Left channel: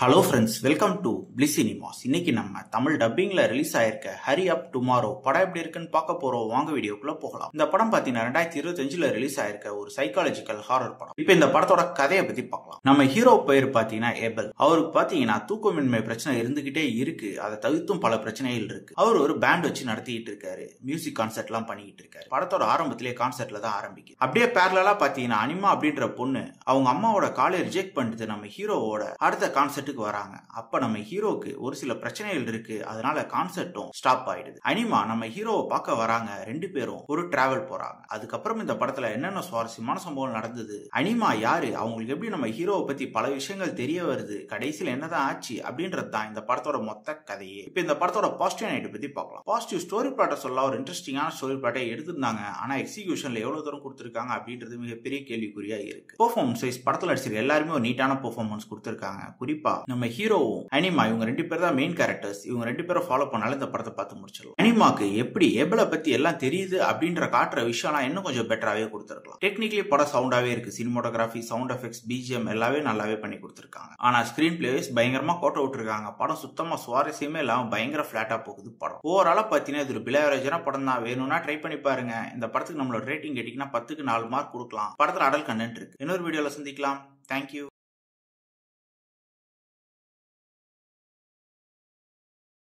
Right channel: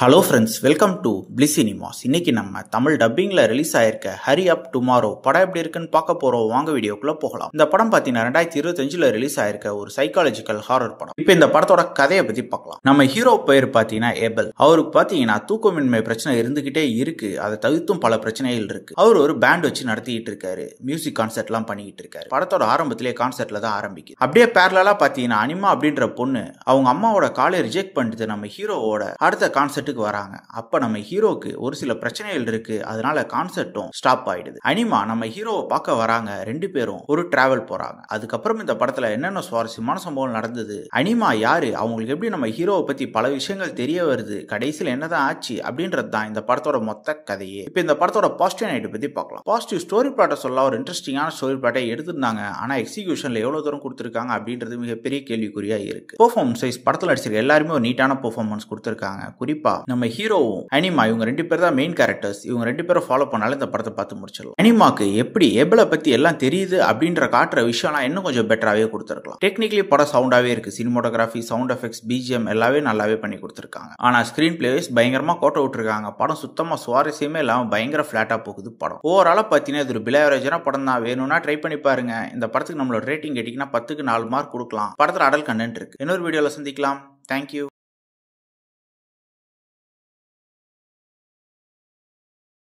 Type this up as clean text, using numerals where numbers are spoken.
Hello friends, welcome to bliss cinemas. இன்னைக்கு நம்ம Tamil டப்பிங்ல release ஆயிருக்க ஹரி அப் டுமாரோ படம் எப்படி இருக்குன்னு பார்க்க போறோம். வாங்க வீடியோக்குள்ள போகலாம். இந்த படம் பாத்தீங்கன்னா 2025ல ரிலீஸ் ஆயிருக்க ஒரு சைக்காலஜிக்கல் ஹாரர் படம். இப்போ இந்த படத்தோட கதையை பத்தி பார்க்கலாம். நம்ம ஹீரோ பேர் பாத்தீங்கன்னா ஏபல். அவருக்கு பாத்தீங்கன்னா தூக்கமின்மை பிரச்சனை இருந்துகிட்டே இருக்கு. அதை தவிர்த்தும் பல பிரச்சனைகள் இருக்கு. அவர் ஒரு பேண்ட் வச்சு நடத்திட்டு இருக்காரு. மியூசிக் கான்சர்ட் எல்லாம் பண்ணிட்டு இருக்காரு. படத்தோட ஆரம்பத்திலே கான்சர்ட்ல தான் ஆரம்பிக்குது. அப்படியே பேரலா பாத்தீங்கன்னா அனிமா அப்படின்ற பொண்ணு அவங்க அம்மாவோட காலை ரிஜெக்ட் பண்ணிட்டு நம்ம ஹீரோவோட அடுத்த கான்சர்ட் வராங்க. அப்ப நம்ம ஹீரோக்கு ஒரு சில பிரச்சனைகள் இருக்கு. அதனால கான்செர்ட்டும் ஸ்டாப் ஆயிடுது. அனிமா நம்ம ஹீரோவை பார்க்க வராங்க. ரெண்டு பேரும் ஒரு டிராவல் போறாங்க. அதுக்கப்புறம் இந்த படத்துல என்னென்ன சுவாரஸ்யமான சம்பவம் நடந்தது, அனிமா யாரு, அவங்களுக்கு எப்படி நம்ம ஹீரோவை பத்தி பல விஷயங்கள் தெரிய வருது, கடைசியில் என்னதான் ஆச்சு அப்படின்றது தான் இந்த படத்தோட மொத்த கதையே. இப்ப இந்த படத்தோட பாசிட்டிவ் நைட் பத்தி பார்க்கலாம். பாசிட்டிவ் ஸ்டோரி பிளாட்டை சொல்ல ஒரு இன்ட்ரெஸ்டிங்கான ஸ்டோரி பிளாட்டை எடுத்திருந்தாங்க. ஆனா எக்ஸிகியூஷன்ல எவ்வளவு தூரம் கொடுத்திருக்காங்க அப்படின்றது மிகப்பெரிய கேள்விக்குறியா இருக்கு. பெர்ஃபார்மன்ஸ் வைஸ் படத்துல நடிச்சிருக்க எல்லாருமே ஒரு நீட்டான பெர்ஃபார்மன்ஸ் கொடுத்திருக்காங்க. குறிப்பா நம்ம ஹீரோவும் அனிமா இவங்க ரெண்டு பேர் தான் மெயின் கேரக்டர்ஸ். இவங்க ரெண்டு பேரும் ஃபாலோ பண்ணாலும் இந்த படத்தை பார்த்து முடிச்சிடலாம். அனிமாக்கு எப்படி ஏபலை பத்தி எல்லாம் தெரியுது அப்படின்ற காட்டுற விஷயம்லாம் இன்னும் கொஞ்சம் பெட்டராகவே கொடுத்துருக்கலாம். டெக்னிக்கலி படம் சவுண்டாவே இருக்கு. சினிமோட்டோகிராஃபி, சவுண்ட் எஃபெக்ட்ஸ், பிஜிஎம் எல்லாமே நல்லாவே பண்ணி கொடுத்துருக்காங்க. ஆனா ஸ்கிரீன் பிளே வைஸ் பயங்கரமா கோட்டை விட்டுருக்காங்க. படம் சுத்தமா சுவாரஸ்யமே இல்லாம பயங்கர பிளாட்டா போகுது படம். ஓவராலா பாத்தீங்கன்னா இது ஒரு பிலேவரேஜான படம் தான். வேணும்னா ட்ரை பண்ணி பாருங்க. இந்த படத்துக்கு நம்மளோட ரேட்டிங் கேட்டீங்கன்னா 10க்கு 4 மார்க் கொடுக்கலாம். படத்துல அடல் கண்டென்ட் இருக்கு. இன்னொரு வீடியோல சந்திக்கலாம். தேங்க்யூ.